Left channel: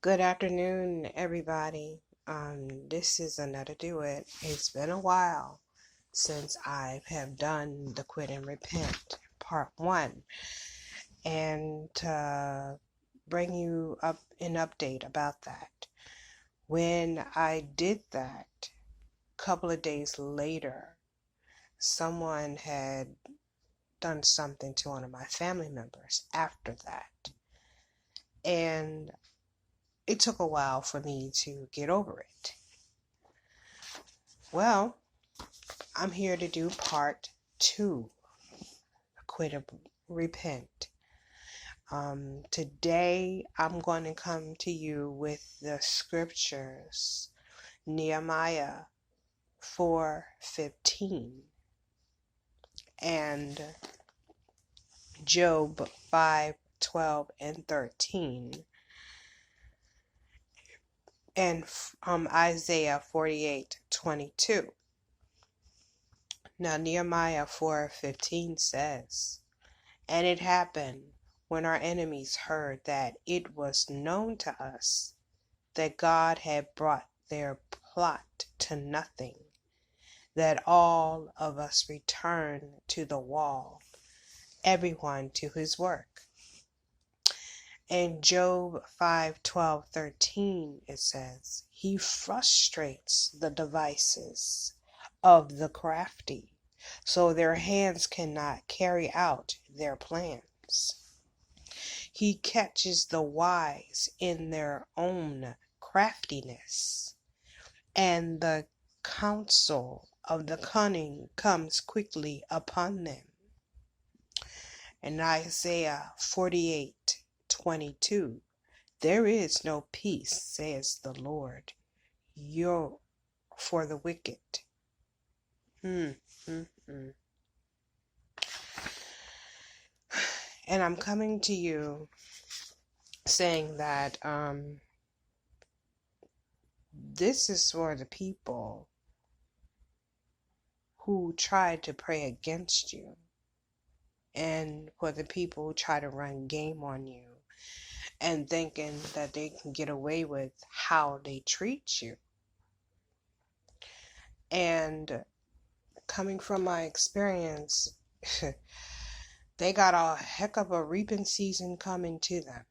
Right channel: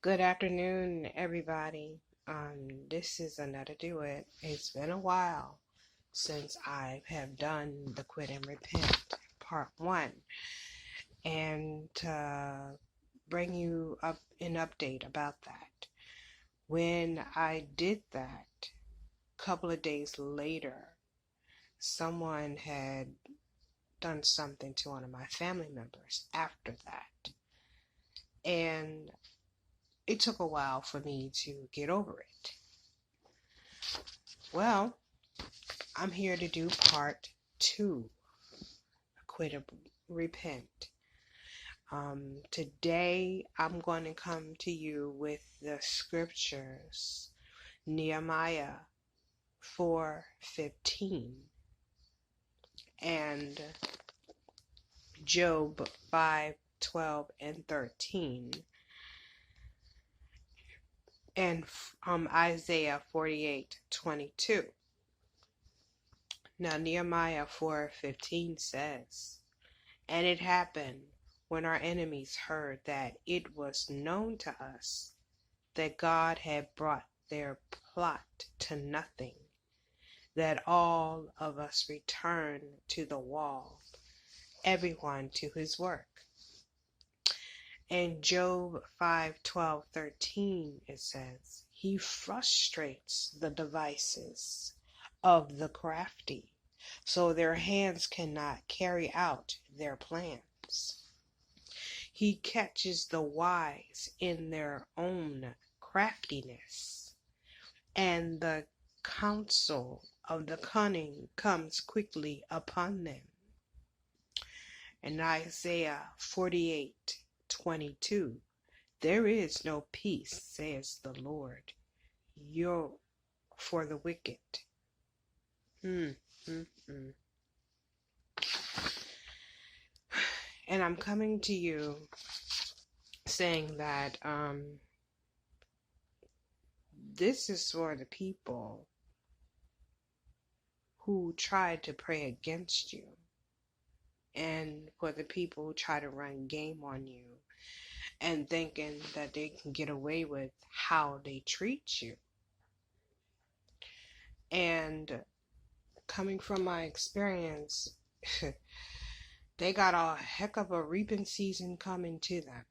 Good afternoon, everybody. This is another duet. It's been a while since I have done the Quit and Repent Part 1, and to bring you up an update about that. When I did that, a couple of days later, someone had done something to one of my family members after that, and it took a while for me to get over it. Well, I'm here to do part 2, Quit and Repent. Today I'm going to come to you with the scriptures, Nehemiah 4:15 and Job 5:12 and 13, and Isaiah 48:22. Now Nehemiah 4:15 says, "And it happened, when our enemies heard that it was known to us that God had brought their plot to nothing, that all of us returned to the wall, everyone to his work." In Job 5:12-13 it says, "He frustrates the devices of the crafty, so their hands cannot carry out their plans. He catches the wise in their own craftiness, and the counsel of the cunning comes quickly upon them." In Isaiah 48:22, "There is no peace, says the Lord, for the wicked." Mm, mm, mm. And I'm coming to you saying that this is for the people who try to pray against you, and for the people who try to run game on you and thinking that they can get away with how they treat you. And coming from my experience, they got a heck of a reaping season coming to them.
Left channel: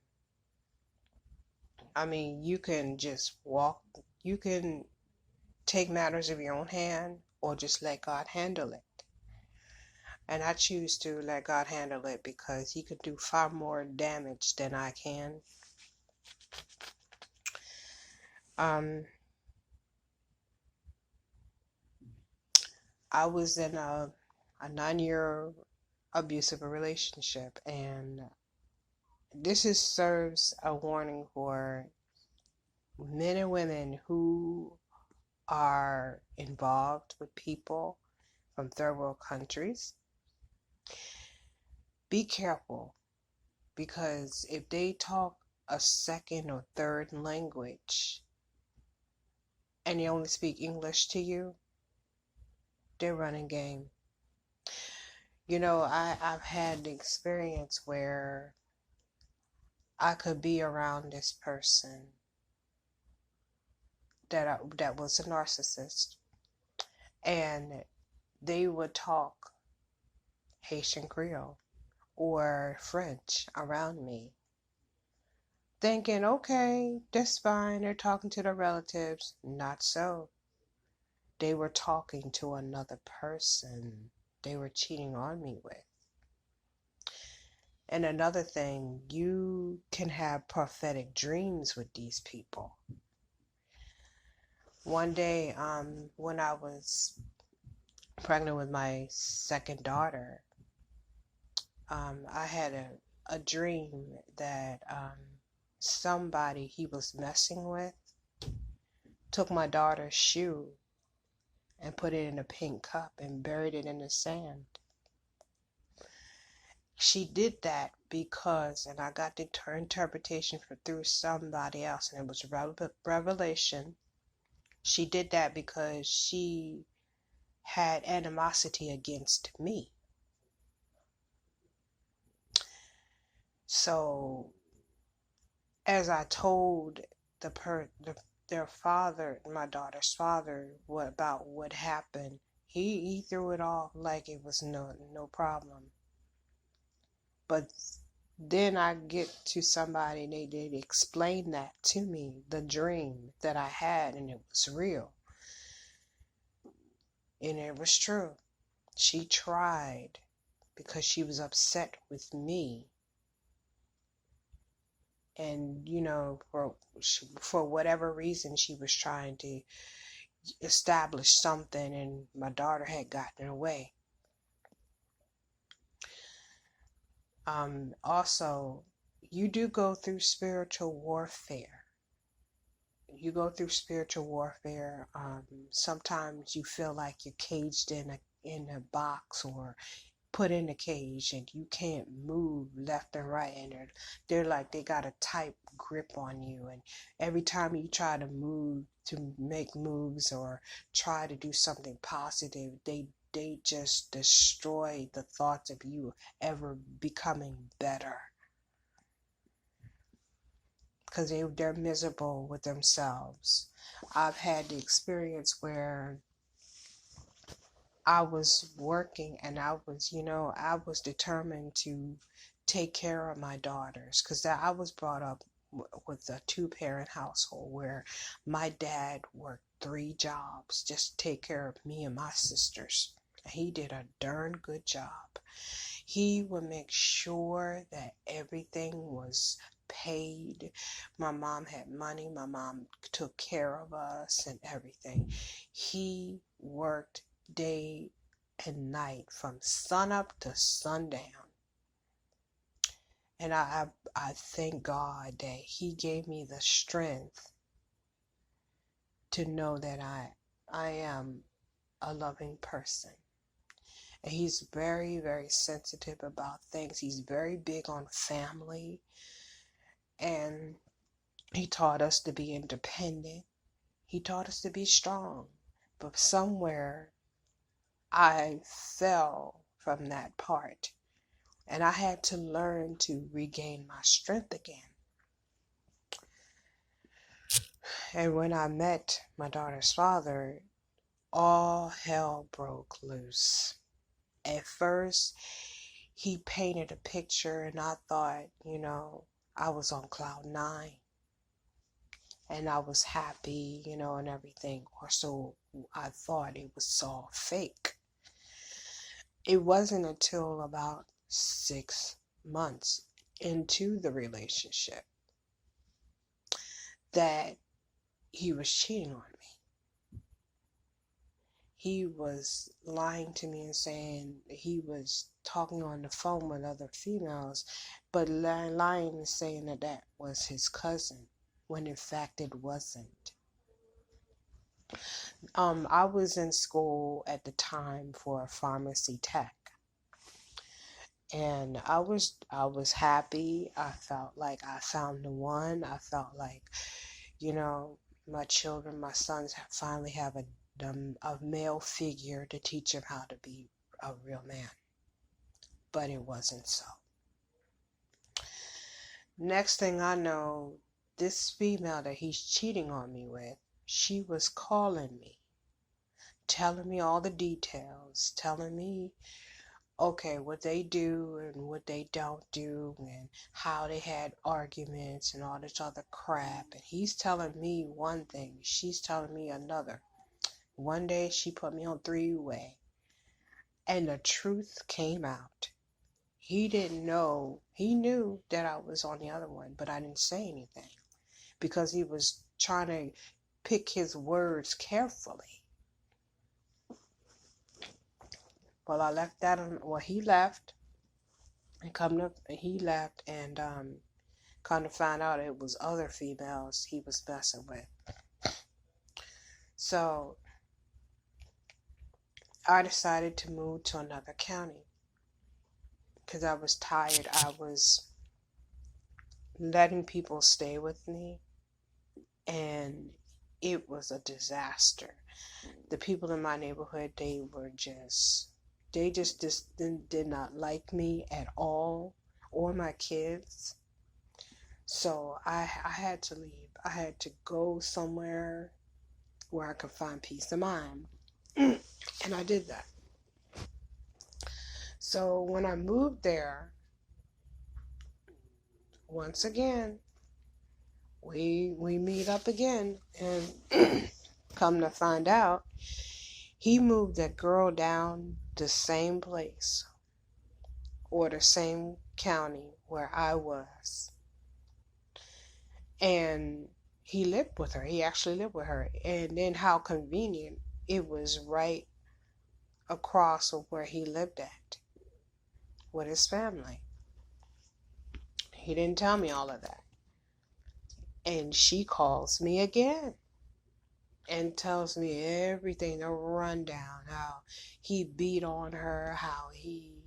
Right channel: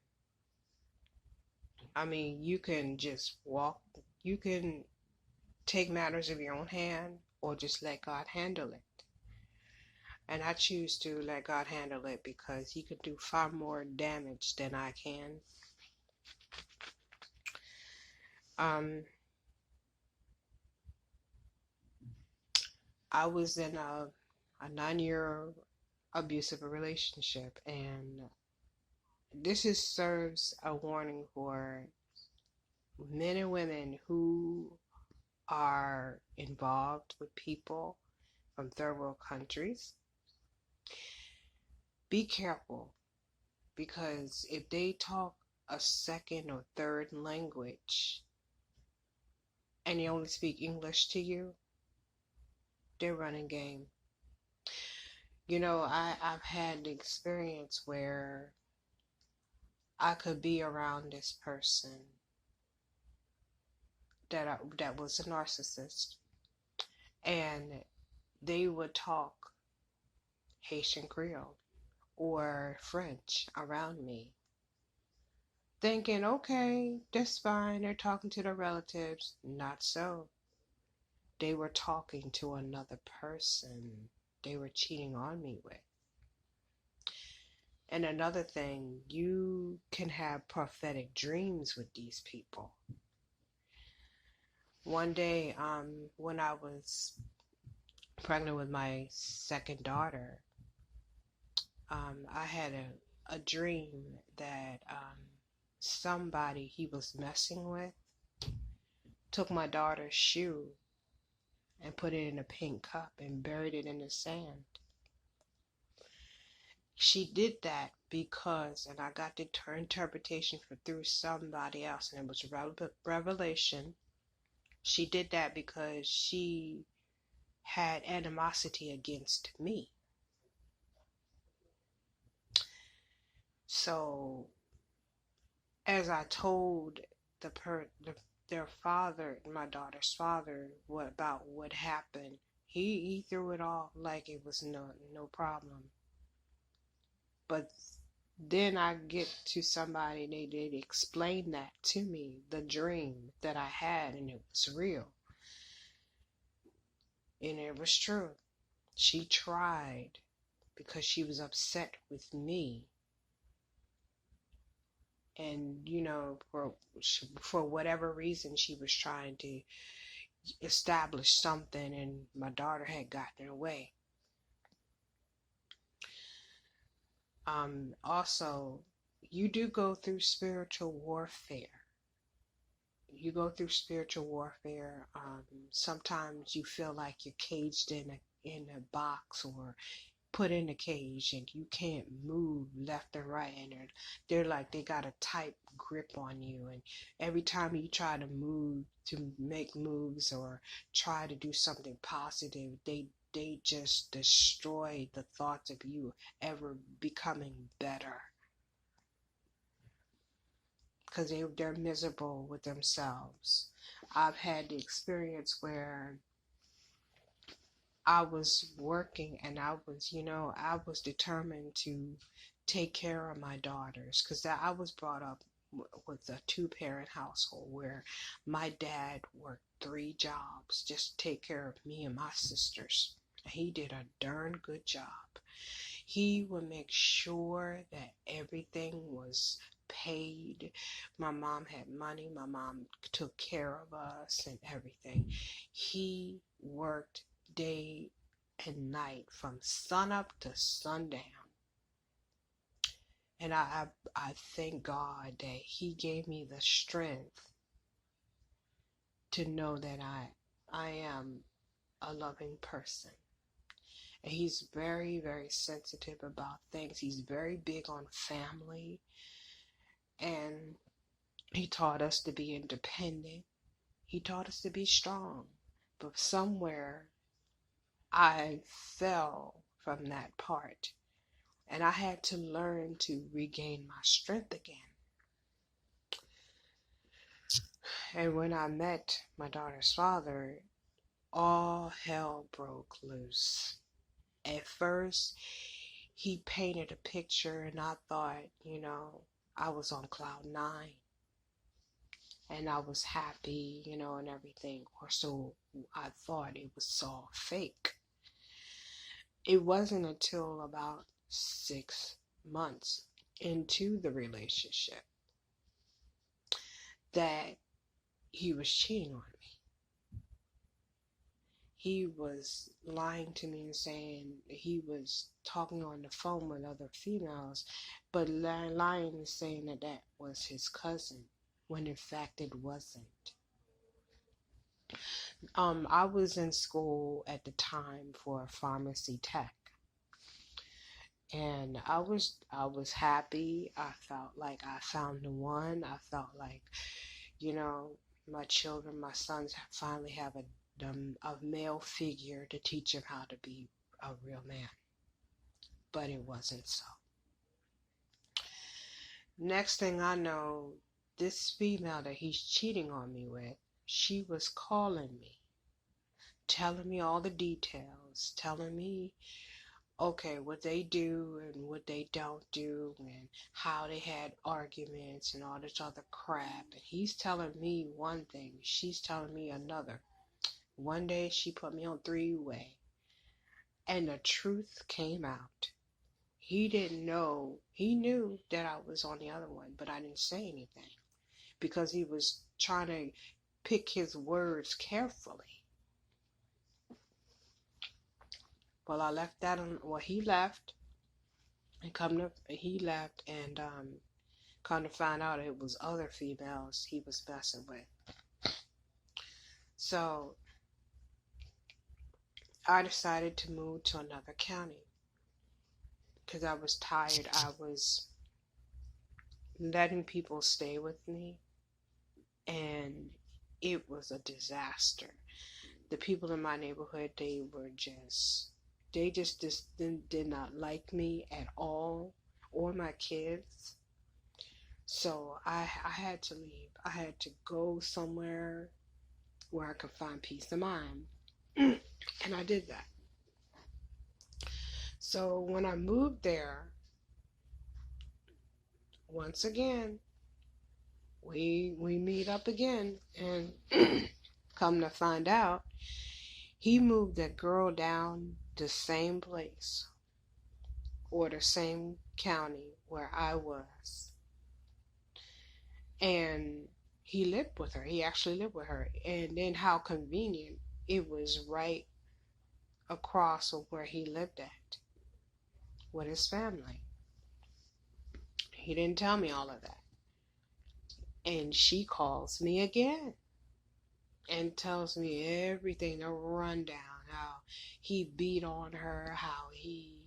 I mean, you can take matters in your own hand, or just let God handle it. And I choose to let God handle it because He could do far more damage than I can. I was in a 9-year abusive relationship, and this serves a warning for men and women who are involved with people from third world countries. Be careful, because if they talk a second or third language and they only speak English to you, they're running game. You know, I've had the experience where I could be around this person that was a narcissist, and they would talk Haitian Creole or French around me, thinking, okay, that's fine, they're talking to their relatives. Not so. They were talking to another person they were cheating on me with. And another thing, you can have prophetic dreams with these people. One day, when I was pregnant with my second daughter, I had a dream that somebody he was messing with took my daughter's shoe and put it in a pink cup and buried it in the sand. She did that because, and I got the interpretation through somebody else, and it was revelation. She did that because she had animosity against me. So, as I told the per the, their father, my daughter's father, about what happened. He threw it off like it was no problem. But then I get to somebody, they explain that to me, the dream that I had, and it was real. And it was true. She tried because she was upset with me. And, for whatever reason, she was trying to establish something, and my daughter had gotten away. Also, you do go through spiritual warfare. You go through spiritual warfare. Sometimes you feel like you're caged in a box, or put in a cage, and you can't move left and right, and they're like they got a tight grip on you, and every time you try to make moves or try to do something positive, they just destroy the thoughts of you ever becoming better, because they're miserable with themselves. I've had the experience where I was working, and I was determined to take care of my daughters, because I was brought up with a two-parent household where my dad worked 3 jobs just to take care of me and my sisters. He did a darn good job. He would make sure that everything was paid. My mom had money. My mom took care of us and everything. He worked day and night from sunup to sundown. And I thank God that He gave me the strength to know that I am a loving person. And He's very, very sensitive about things. He's very big on family. And He taught us to be independent. He taught us to be strong. But somewhere I fell from that part. And I had to learn to regain my strength again. And when I met my daughter's father, all hell broke loose. At first, he painted a picture, and I thought, I was on cloud 9. And I was happy, and everything. Or so I thought. It was all fake. It wasn't until about 6 months into the relationship that he was cheating on me. He was lying to me and saying he was talking on the phone with other females, but lying and saying that was his cousin, when in fact it wasn't. I was in school at the time for a pharmacy tech. And I was happy. I felt like I found the one. I felt like, my children, my sons finally have a male figure to teach them how to be a real man. But it wasn't so. Next thing I know, this female that he's cheating on me with, she was calling me, telling me all the details, telling me, okay, what they do and what they don't do, and how they had arguments and all this other crap. And he's telling me one thing, she's telling me another. One day she put me on 3-way, and the truth came out. He didn't know. He knew that I was on the other one, but I didn't say anything because he was trying to pick his words carefully. Well, I left that on. Well, he left, and he left, and come to find out it was other females he was messing with. So I decided to move to another county because I was tired. I was letting people stay with me, and it was a disaster. The people in my neighborhood, they just did not like me at all, or my kids. So I had to leave. I had to go somewhere where I could find peace of mind. And I did that. So when I moved there, once again, we meet up again, and come to find out, he moved that girl down the same place or the same county where I was. And he lived with her. He actually lived with her. And then how convenient, it was right across of where he lived at with his family. He didn't tell me all of that. And she calls me again and tells me everything, the rundown, how he beat on her, how he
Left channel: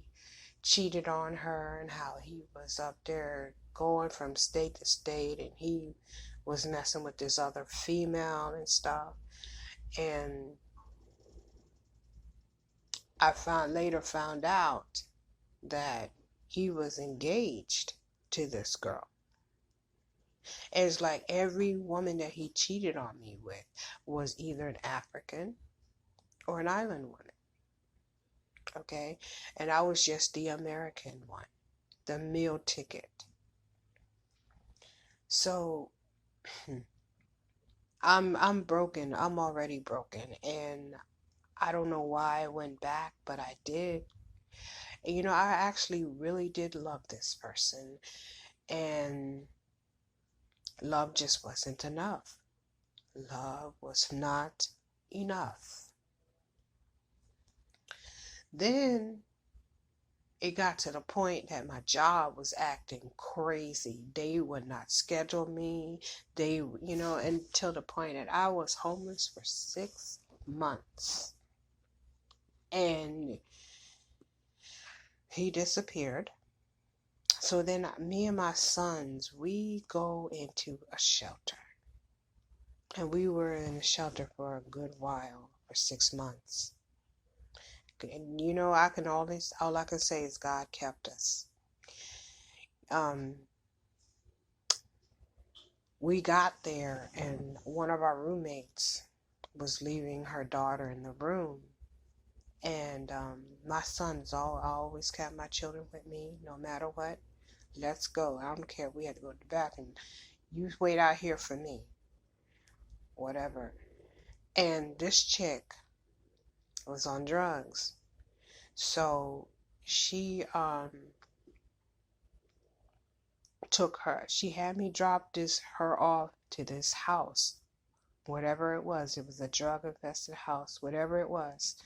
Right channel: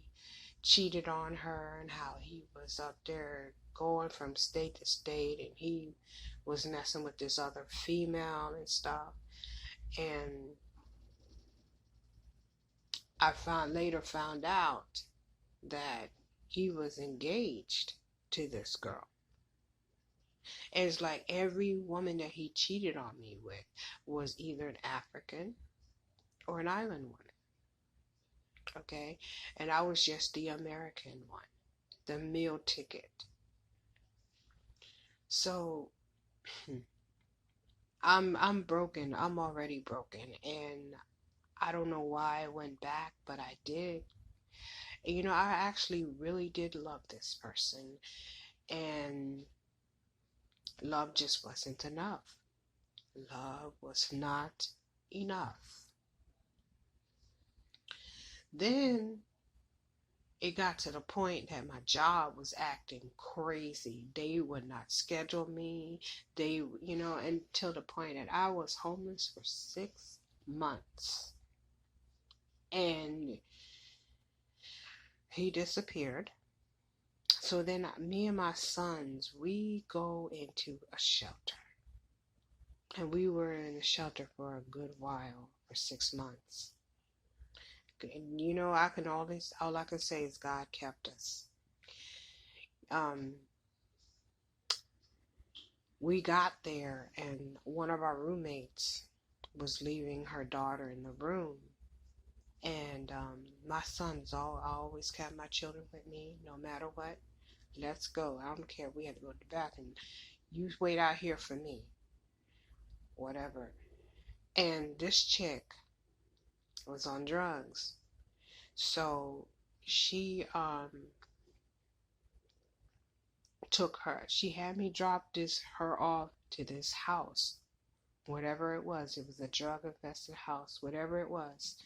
cheated on her, and how he was up there going from state to state, and he was messing with this other female and stuff. And I later found out that he was engaged to this girl. And it's like every woman that he cheated on me with was either an African or an island woman. Okay? And I was just the American one, the meal ticket. So I'm broken. I'm already broken, and I don't know why I went back, but I did. And, I actually really did love this person, and love just wasn't enough. Love was not enough. Then it got to the point that my job was acting crazy. They would not schedule me. Until the point that I was homeless for 6 months. And he disappeared. So then me and my sons, we go into a shelter. And we were in a shelter for a good while, for 6 months. And all I can say is God kept us. We got there, and one of our roommates was leaving her daughter in the room. And my sons, I always kept my children with me, no matter what. Let's go. I don't care if we had to go to the bathroom. You wait out here for me. Whatever. And this chick was on drugs. So she she had me drop her off to this house. Whatever it was a drug infested house, whatever it was.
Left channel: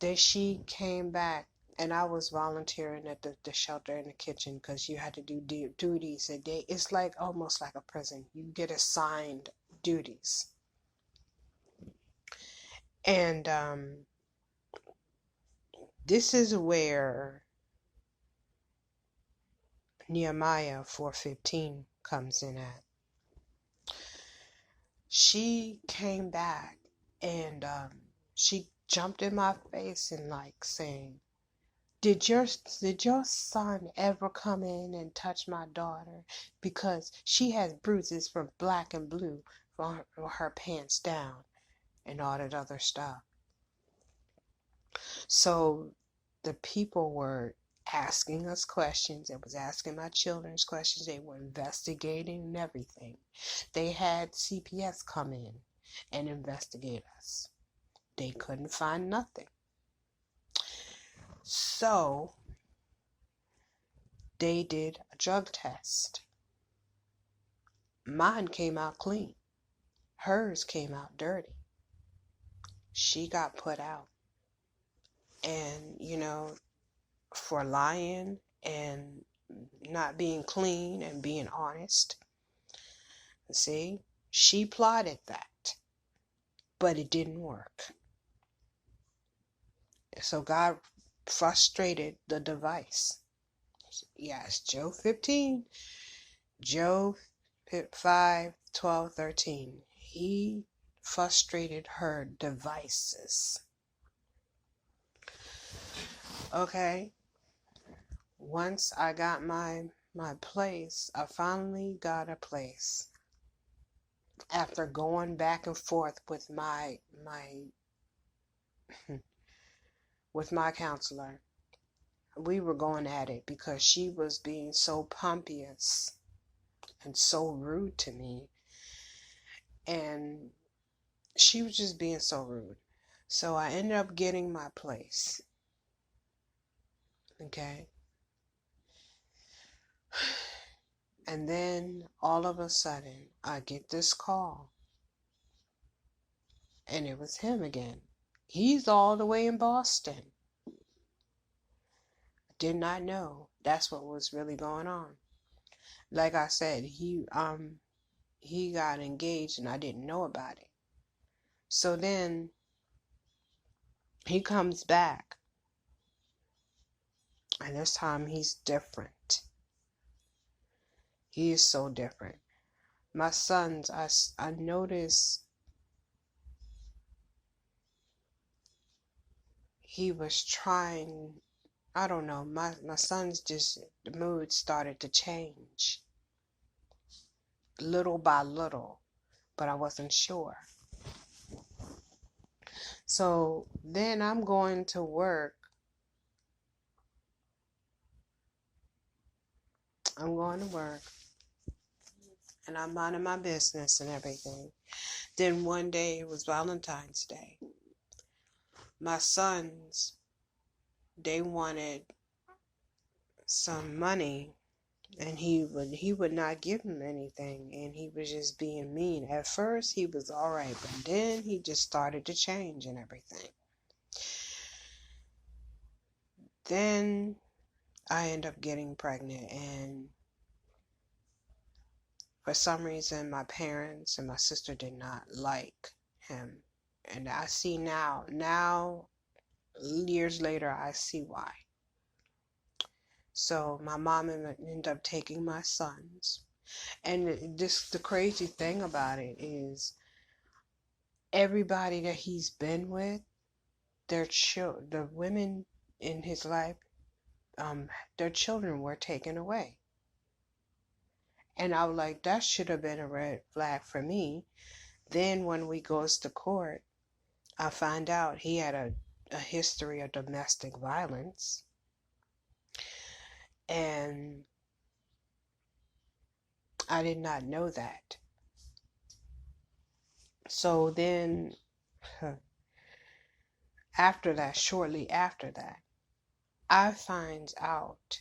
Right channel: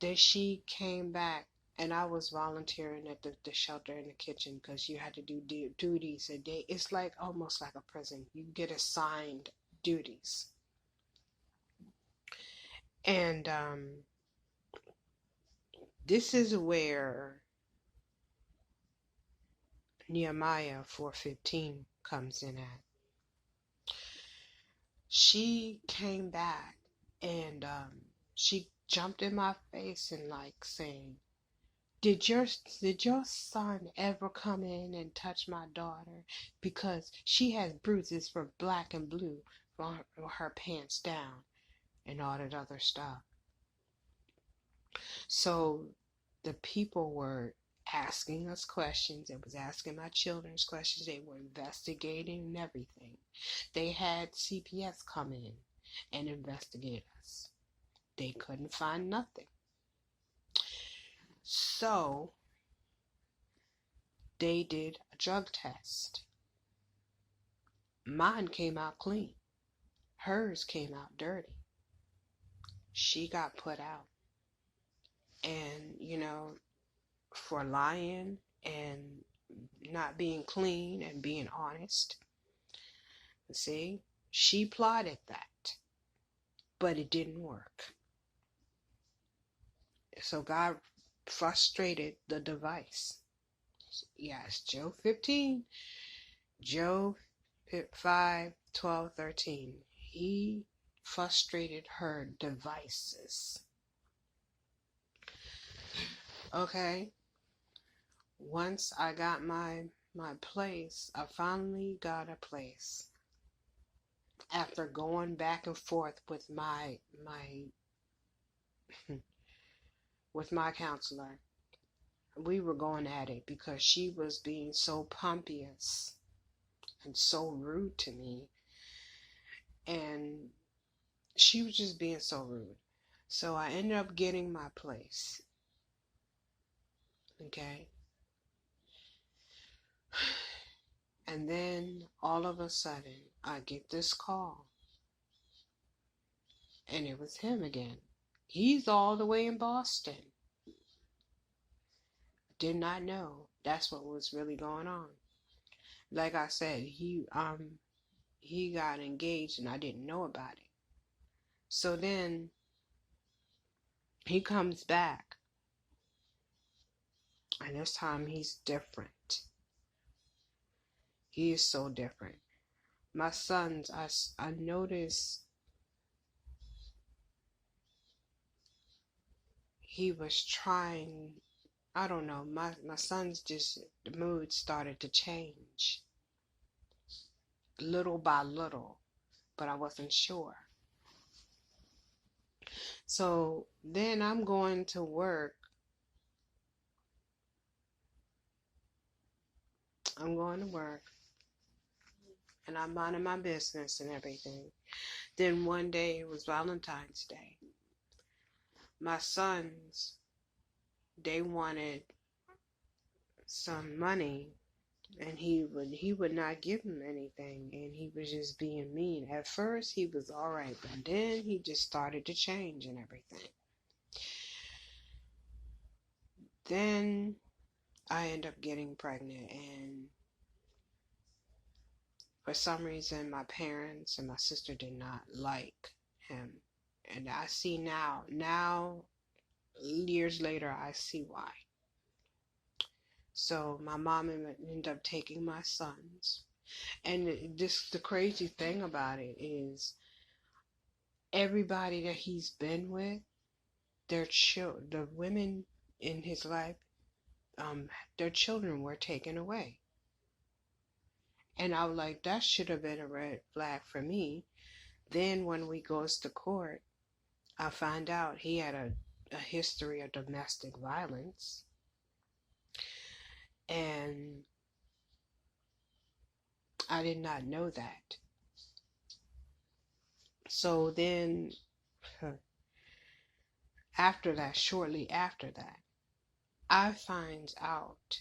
Then she came back, and I was volunteering at the shelter in the kitchen, because you had to do duties a day. It's like almost like a prison. You get assigned duties. And this is where Nehemiah 4:15 comes in at. She came back, and she jumped in my face and saying, Did your son ever come in and touch my daughter? Because she has bruises from black and blue from her pants down and all that other stuff. So the people were asking us questions. It was asking my children's questions. They were investigating and everything. They had CPS come in and investigate us. They couldn't find nothing. So they did a drug test. Mine came out clean. Hers came out dirty. She got put out. And, for lying and not being clean and being honest. See, she plotted that, but it didn't work. So God frustrated the device. Yes, Job 15, Job 5, 12, 13. He frustrated her devices. Okay. Once I got my my place. I finally got a place after going back and forth with my with my counselor. We were going at it because she was being so pompous and so rude to me, and she was just being so rude. So I ended up getting my place. Okay. And then all of a sudden, I get this call, and it was him again. He's all the way in Boston. Did not know that's what was really going on. Like I said, he got engaged and I didn't know about it. So then he comes back, and this time he's different. He is so different. My sons, I noticed he was trying, I don't know, my sons just, the mood started to change little by little, but I wasn't sure. So then I'm going to work. And I'm minding my business and everything. Then one day, it was Valentine's Day. My sons, they wanted some money, and he would not give him anything, and he was just being mean. At first he was all right, but then he just started to change and everything. Then I end up getting pregnant, and for some reason my parents and my sister did not like him. And I see now years later, I see why. So my mom ended up taking my sons. And the crazy thing about it is, everybody that he's been with, the women in his life, their children were taken away. And I was like, that should have been a red flag for me. Then when we goes to court, I find out he had a history of domestic violence. And I did not know that. So then, shortly after that, I find out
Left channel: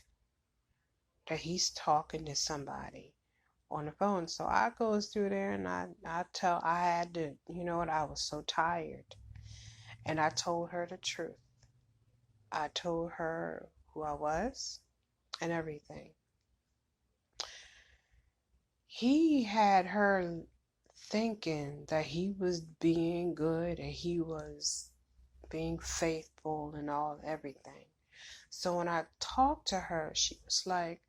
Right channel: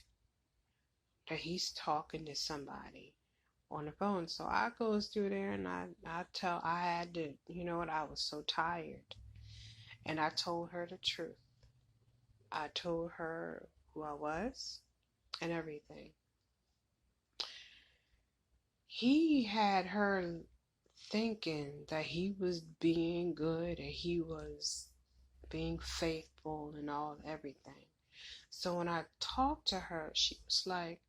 that he's talking to somebody on the phone. So I goes through there, and I had to, you know what, I was so tired. And I told her the truth. I told her who I was and everything. He had her thinking that he was being good and he was being faithful and everything. So when I talked to her, she was like,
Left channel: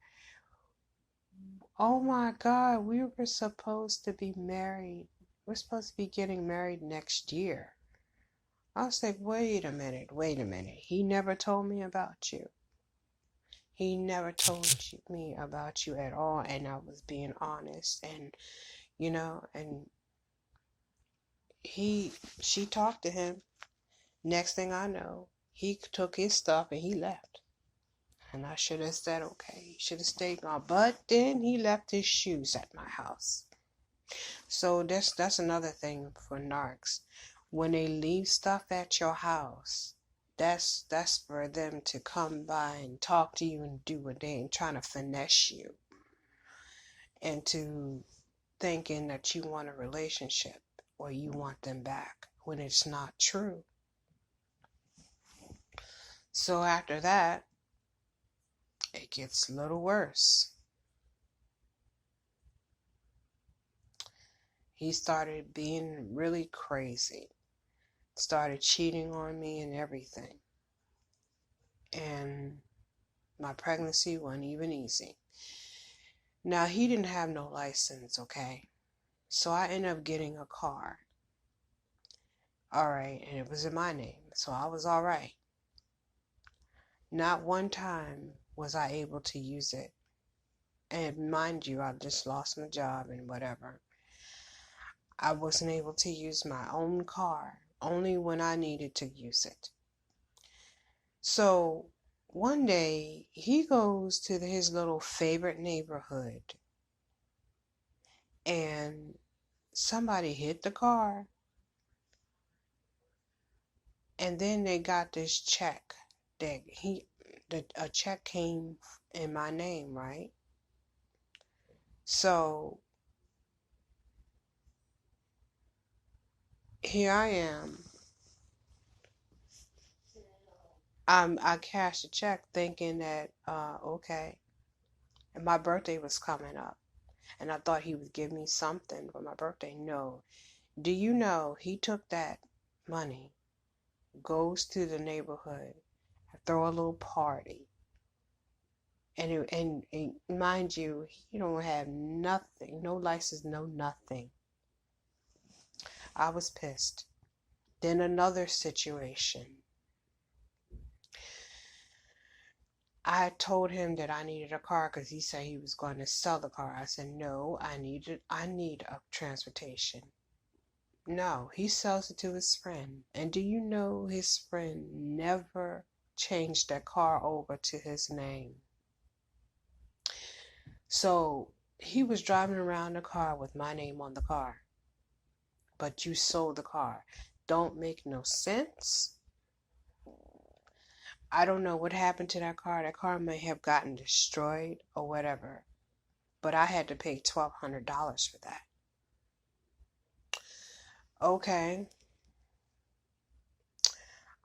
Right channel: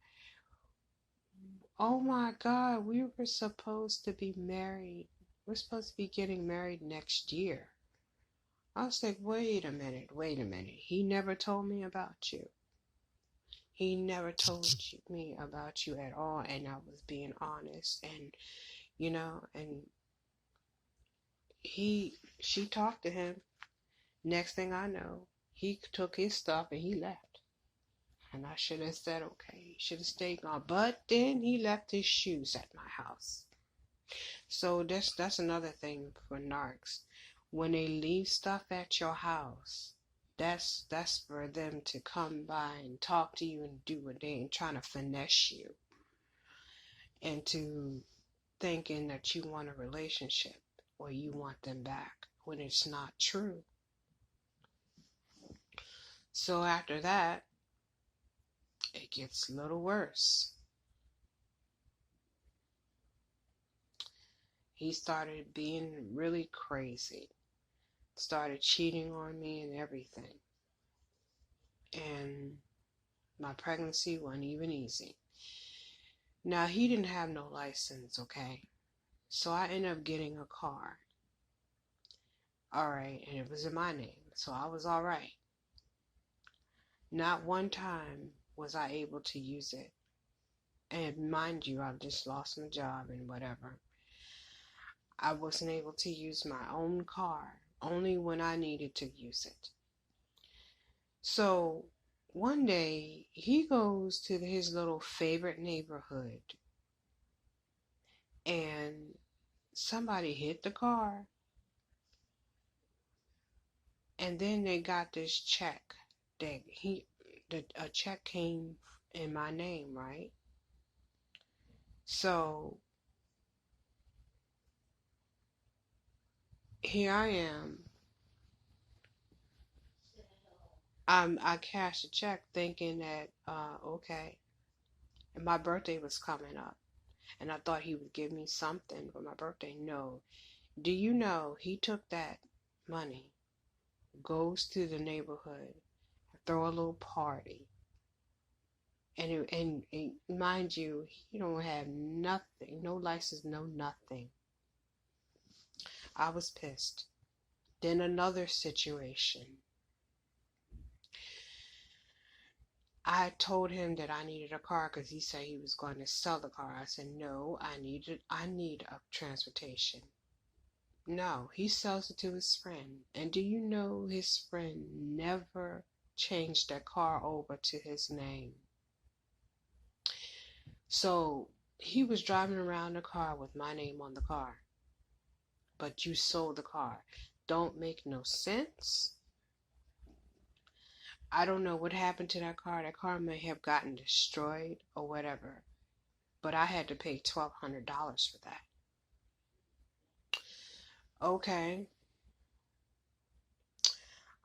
oh my God, we were supposed to be married. We're supposed to be getting married next year. I was like, wait a minute. He never told me about you. He never told me about you at all. And I was being honest. And, and she talked to him. Next thing I know, he took his stuff and he left. And I should have said, okay, he should have stayed gone. But then he left his shoes at my house. So that's another thing for narcs. When they leave stuff at your house, that's for them to come by and talk to you and do what they're trying to finesse you into thinking that you want a relationship or you want them back when it's not true. So after that, it gets a little worse. He started being really crazy, started cheating on me and everything. And my pregnancy wasn't even easy. Now, he didn't have no license, okay? So I ended up getting a car. All right, and it was in my name, so I was all right. Not one time was I able to use it And mind you, I've just lost my job and whatever. I wasn't able to use my own car, only when I needed to use it. So one day he goes to his little favorite neighborhood and somebody hit the car, and then they got this check that a check came in my name, right? So here I am. I cashed a check thinking that okay, and my birthday was coming up, and I thought he would give me something for my birthday. No, do you know he took that money, goes to the neighborhood, throw a little party, and mind you, he don't have nothing, no license, no nothing. I was pissed. Then another situation. I told him that I needed a car because he said he was going to sell the car. I said, no, I need a transportation. No, he sells it to his friend. And do you know his friend never changed that car over to his name? So he was driving around the car with my name on the car. But you sold the car. Don't make no sense. I don't know what happened to that car. That car may have gotten destroyed or whatever. But I had to pay $1,200 for that. Okay.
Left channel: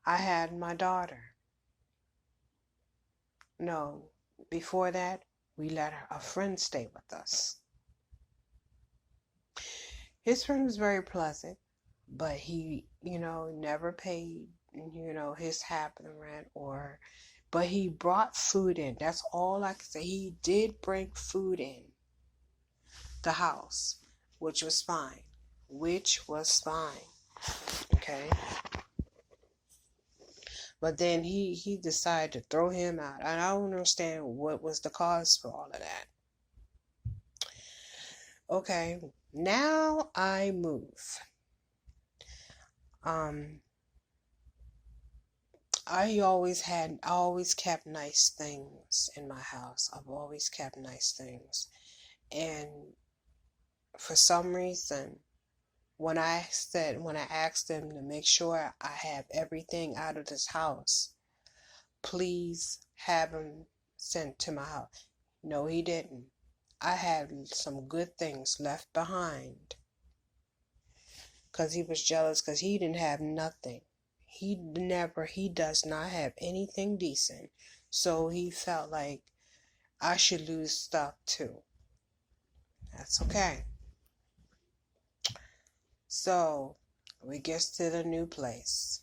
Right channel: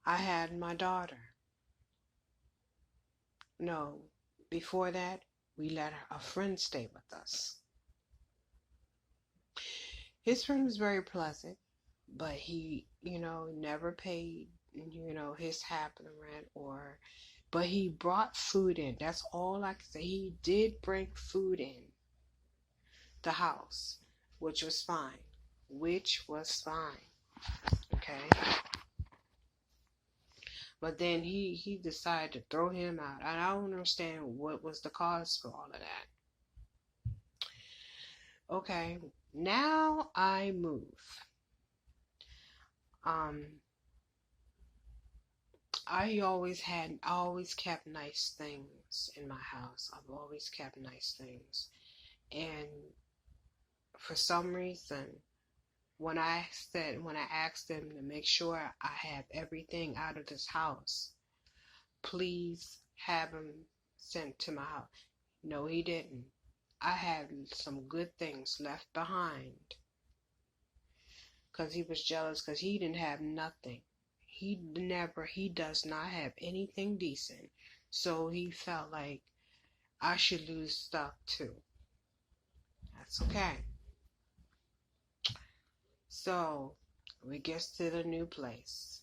I had my daughter. No, before that, we let a friend stay with us. His friend was very pleasant, but he, never paid, his half of the rent but he brought food in. That's all I can say. He did bring food in the house, which was fine. Okay. But then he decided to throw him out. And I don't understand what was the cause for all of that. Okay, now I move. I always kept nice things in my house. I've always kept nice things. And for some reason, when I asked them to make sure I have everything out of this house, please have him sent to my house. No, he didn't. I had some good things left behind because he was jealous because he didn't have nothing. He does not have anything decent. So he felt like I should lose stuff too. That's okay. So we get to the new place.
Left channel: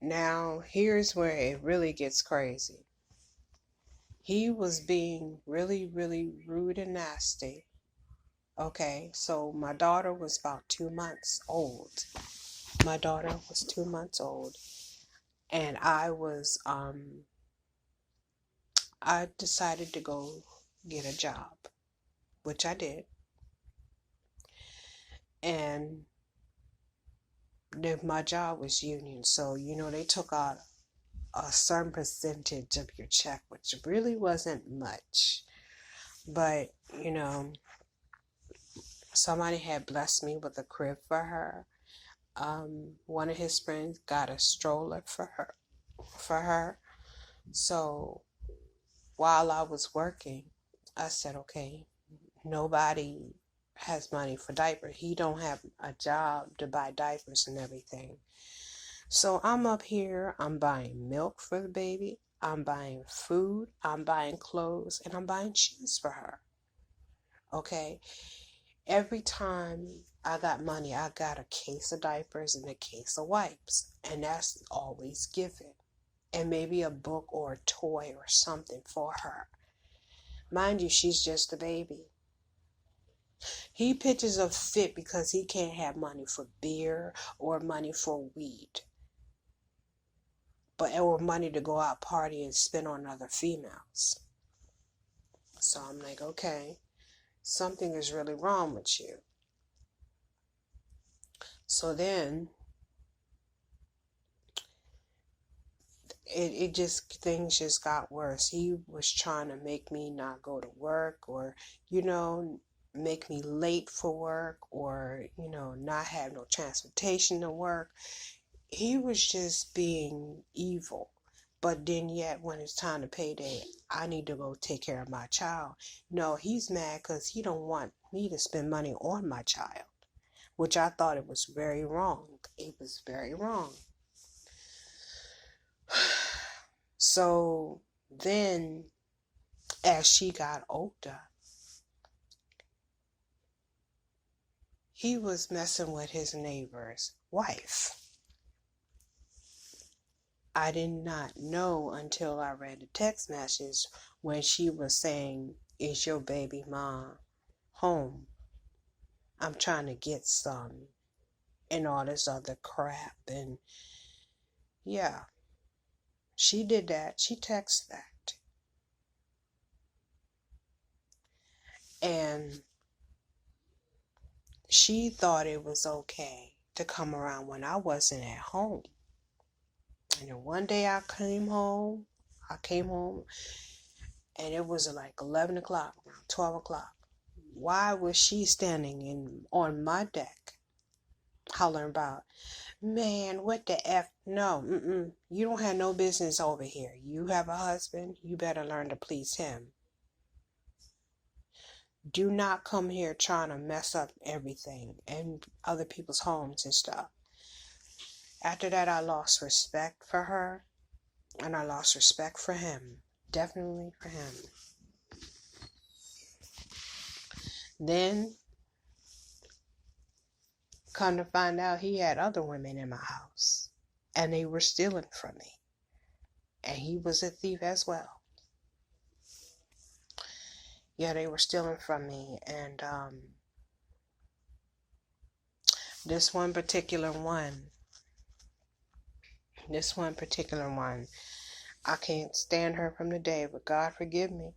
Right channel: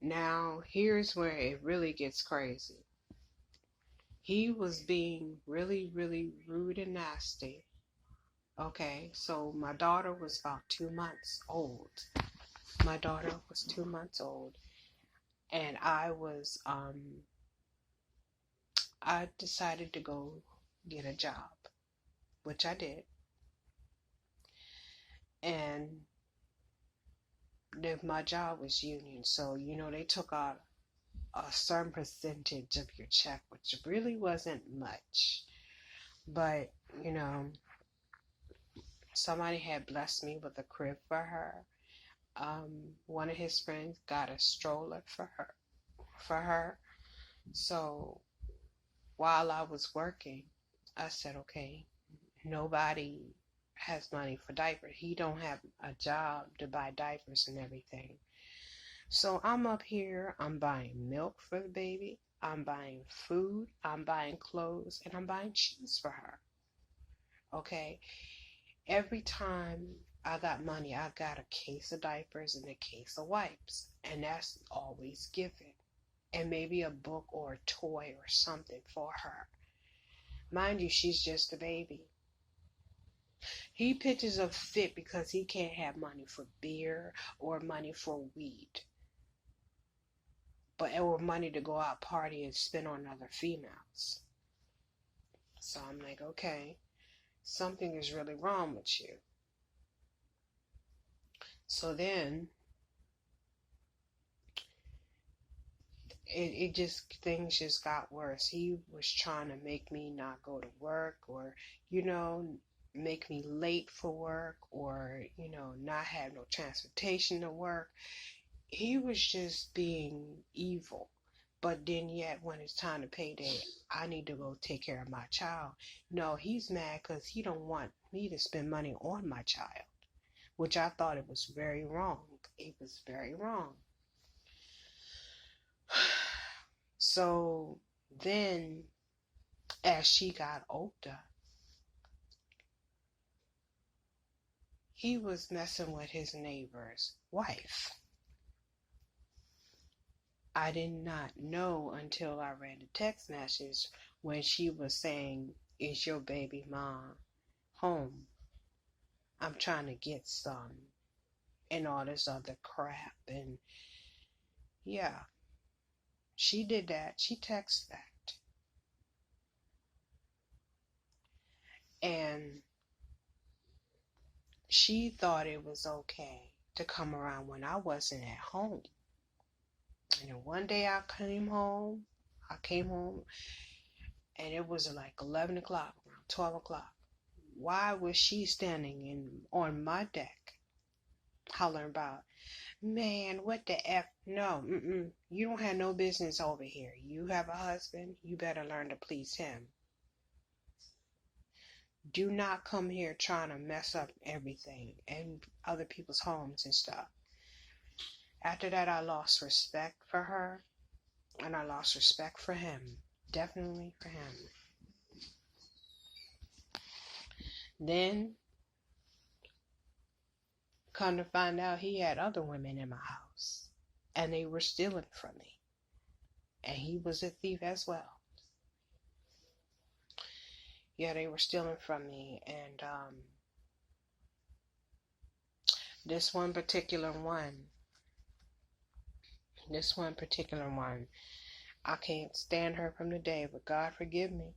Now, here's where it really gets crazy. He was being really, really rude and nasty. Okay, so my daughter was about 2 months old. And I decided to go get a job, which I did. And my job was union, so they took out a certain percentage of your check, which really wasn't much. But somebody had blessed me with a crib for her. One of his friends got a stroller for her. So while I was working, I said, okay, nobody has money for diapers. He don't have a job to buy diapers and everything. So I'm up here, I'm buying milk for the baby, I'm buying food, I'm buying clothes, and I'm buying shoes for her. Okay? Every time I got money, I got a case of diapers and a case of wipes. And that's always given. And maybe a book or a toy or something for her. Mind you, she's just a baby. He pitches a fit because he can't have money for beer or money for weed. or money to go out party and spend on other females. So I'm like, okay, something is really wrong with you. So then things just got worse. He was trying to make me not go to work, or, make me late for work, or, not have no transportation to work. He was just being evil. But then yet when it's time to payday, I need to go take care of my child. No, he's mad because he don't want me to spend money on my child, which I thought it was very wrong. It was very wrong. So then, as she got older, he was messing with his neighbor's wife. I did not know until I read the text message when she was saying, "Is your baby mom home? I'm trying to get some," and all this other crap. And yeah, she did that. She texted that. And she thought it was okay to come around when I wasn't at home. And then one day I came home, and it was like 11 o'clock, around 12 o'clock. Why was she standing on my deck hollering about, "Man, what the F? No, you don't have no business over here. You have a husband, you better learn to please him. Do not come here trying to mess up everything and other people's homes and stuff." After that, I lost respect for her, and I lost respect for him. Definitely for him. Then, come to find out, he had other women in my house, and they were stealing from me. And he was a thief as well. Yeah, they were stealing from me. And this one particular one, I can't stand her from the day, but God forgive me.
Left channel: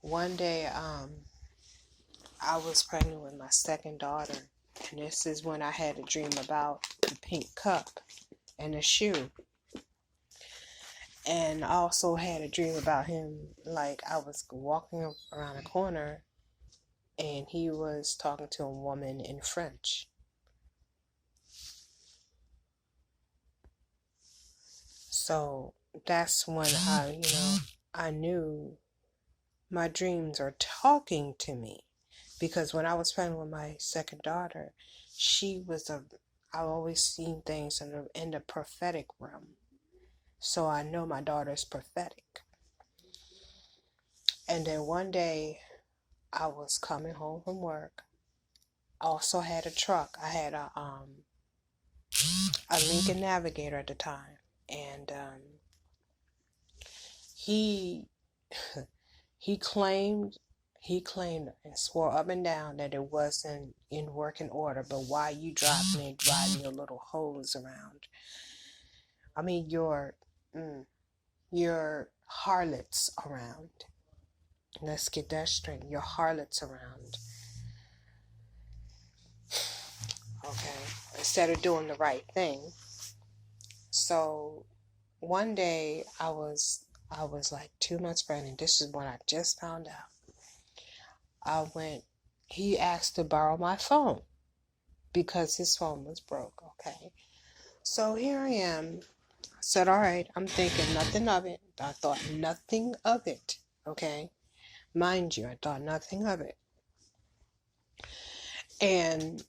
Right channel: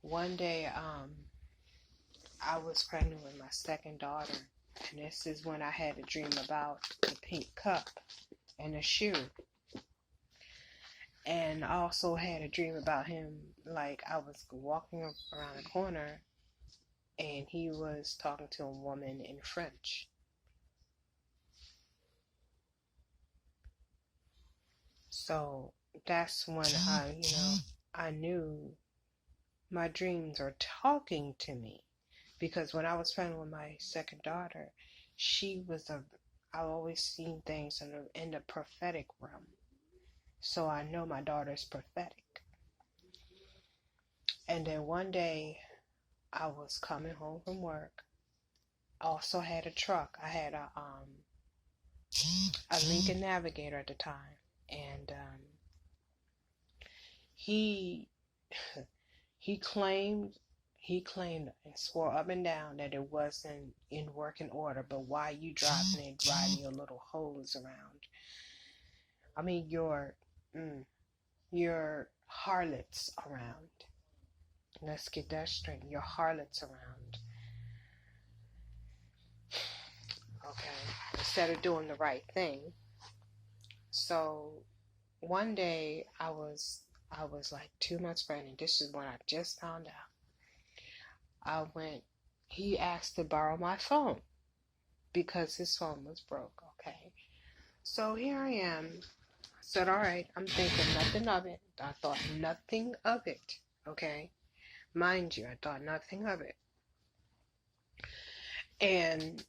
One day, I was pregnant with my second daughter, and this is when I had a dream about the pink cup and the shoe. And I also had a dream about him, like I was walking around a corner and he was talking to a woman in French. So that's when I knew my dreams are talking to me. Because when I was pregnant with my second daughter, I've always seen things in the prophetic realm. So I know my daughter's prophetic. And then one day I was coming home from work. I also had a truck. I had a Lincoln Navigator at the time. And he claimed and swore up and down that it wasn't in working order. But why you driving your little hose around? I mean your harlots around. Let's get that straight. Your harlots around. Okay. Instead of doing the right thing. So one day I was like 2 months pregnant. This is when I just found out. He asked to borrow my phone because his phone was broke. Okay. So here I am. I said, all right, I'm thinking nothing of it. I thought nothing of it. Okay. Mind you, I thought nothing of it. And